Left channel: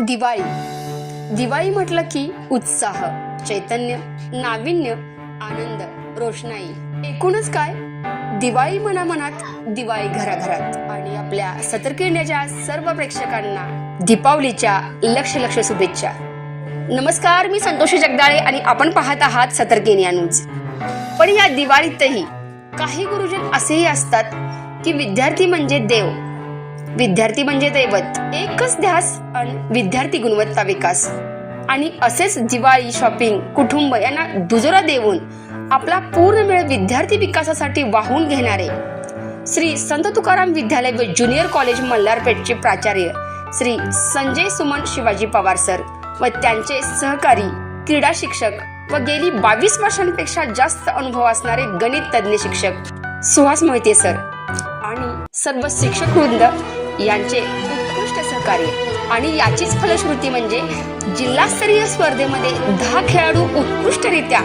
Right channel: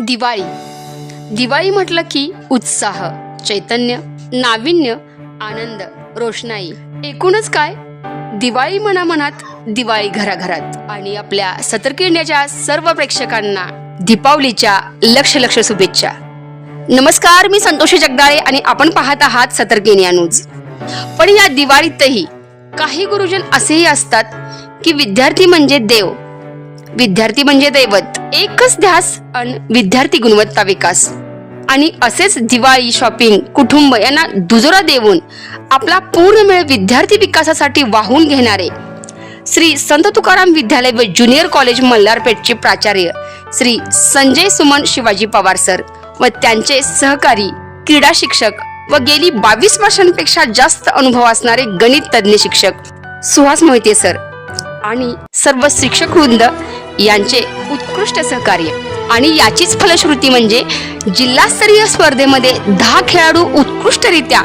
दिवाळी. दिवाळी म्हटलं की उत्साह चैतन्य नाविन्य आनंद रोषणाई. एकूणच काय? दिवाळी मनामनात दिवाळी घराघरात. आणि आपल्या सतर्किण्याच्या सर्व प्रेक्षकांना दीपावलीच्या लक्ष लक्ष शुभेच्छा. नमस्कार मी संतोषी जगदाळे आणि आपण पाहत आहात सतर्किनिया न्यूज. पण या दिवाळीतही काही गुरुजन असेही असतात की विद्यार्थी म्हणजे देव. विद्यार्थी म्हणजे दैवत. एकच ध्यास अन विद्यार्थी गुणवत्ता विकास. आणि असेच दिवाळी शॉपिंग कुटुंब यांना दुजोरा देऊन आपला पूर्ण वेळ विद्यार्थी विकासासाठी वाहून घेणारे. श्री संत तुकाराम विद्यालय व ज्युनियर कॉलेज मल्हारपेठचे प्राचार्य श्री संजय सुमन शिवाजी पवार सर व त्यांचे सहकारी क्रीडा शिक्षक व गेली बावीस वर्षांपेक्षा जास्त अनुभव असणारे गणित तज्ज्ञ शिक्षक सुहास मोहिते सर. आणि सर्व शिक्षक वृंद यांचे उत्कृष्ट सहकार्य. आणि याचीच फलश्रुती म्हणजे जिल्हास्तरीय स्पर्धेमध्ये दहा खेळाडू उत्कृष्टरित्या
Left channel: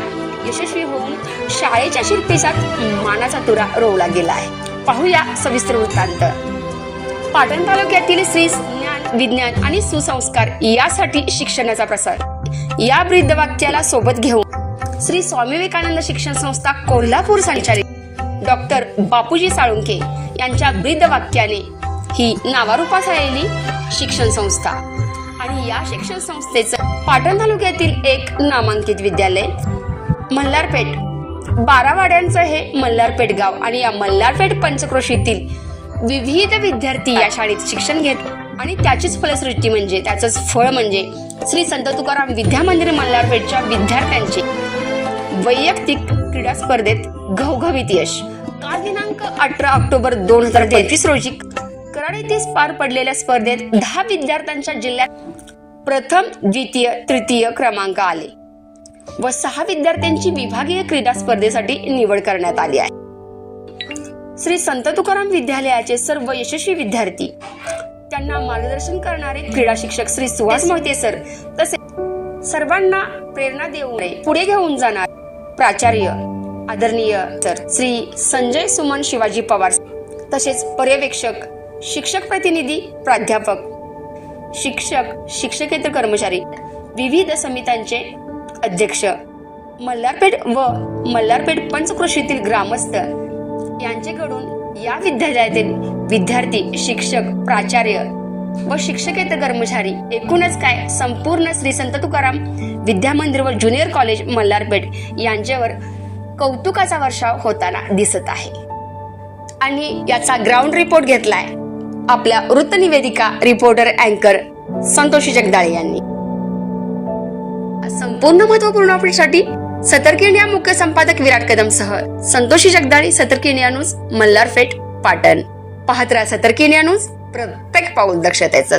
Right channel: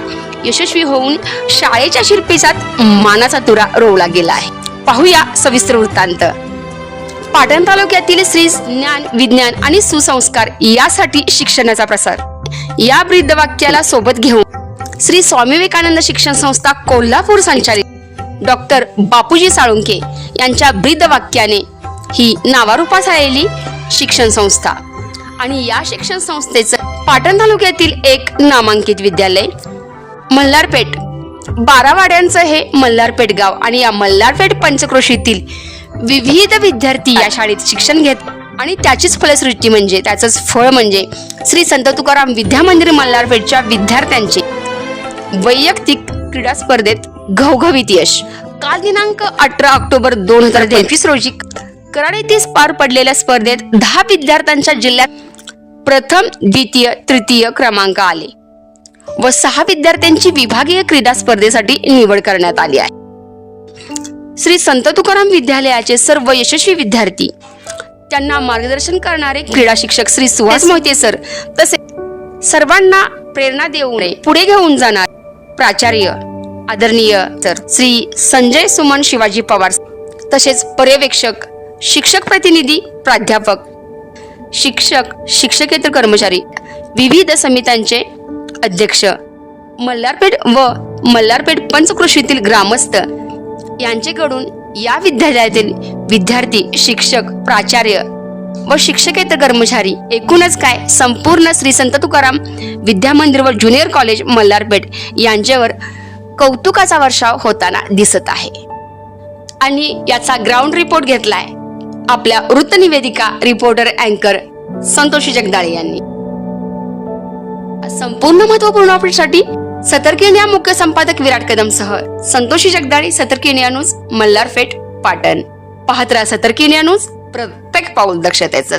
यशस्वी होऊन शाळेच्या शिल्पेचात मानाचा तुरा रोवला गेला आहे. पाहूया सविस्तर वृत्तांत. पाटण तालुक्यातील श्री ज्ञान विज्ञान आणि सुसंस्कार यासाठी शिक्षणाचा प्रसार. या ब्रीदवाक्याला सोबत घेऊन श्री स्वामी विवेकानंद शिक्षण संस्था कोल्हापूर संचालित डॉक्टर बापूजी साळुंके यांच्या ब्रीदवाक्याने ही नावारूपास आलेली शिक्षण संस्था. आणि या शिक्षण संस्थेचं पाटण तालुक्यातील एक नामांकित विद्यालय मल्हारपेठ. बारावाड्यांचं हे मल्हारपेठ गाव आणि या मल्हारपेठ पंचक्रोशीतील विविध विद्यार्थी या शाळेत शिक्षण घेत आणि त्याचीच फलश्रुती म्हणजे त्याचंच फळ म्हणजे श्री संत तुकाराम विद्या मंदिर मल्हारपेठच्या विद्यार्थ्यांचे वैयक्तिक क्रीडा स्पर्धेत घवघवीत यश. काल दिनांक अठरा ऑक्टोबर दोन हजार तेवीस रोजी कराड पार पडलेल्या स्पर्धेत दहा विद्यार्थ्यांच्या जिल्ह्यात प्रथम द्वितीय तृतीय क्रमांक आले व सहा विद्यार्थ्यांची विभागीय क्रीडा स्पर्धेसाठी निवड करण्यात आली आहे. श्री संत तुकाराम विद्यालयाचे सर्व यशस्वी विद्यार्थी त्यांना मार्गदर्शन करणारे क्रीडा शिक्षक श्री सुहास मोहिते सर तसेच सर्वांना प्रेरणा देऊ नये पुढे घेऊन जाणार प्राचार्य आदरणीय सर श्री संजय सुमन शिवाजी पवार तसेच पर्यवेक्षक शिक्षक प्रतिनिधी प्राध्यापक शिक्षक शिक्षकेतर कर्मचारी विविध समित्यांचे अध्यक्ष. मल्हारपेठ व मल्हारपेठ पंचकृषीतील ग्रामस्थ यांचेकडून या विद्यालयातील विद्यार्थी शिक्षक प्राचार्य व शिक्षकेतर कर्मचारी एकूणच काय संपूर्ण श्री संत तुकाराम विद्यामंदिर व ज्युनियर कॉलेज मल्हारपेठ यांच्यावर कौतुकाचा वर्षाव होताना दिसत आहे. आणि याचा ग्राउंड रिपोर्ट घेतलाय. आपल्या वृत्तनिवेदिका रिपोर्टर अँकर संतोषी जगदाळे यांनी. संपूर्ण महत्त्वपूर्ण अपडेटसाठी सतर्क इंडिया मुख्य संपादक विराट कदम सह संतोषी जगदाळे सतर्क इंडिया न्यूज मल्हारपेठ पाटण. पाहत राहा सतर्क इंडिया न्यूज प्रत्येक पाऊल दक्षतेच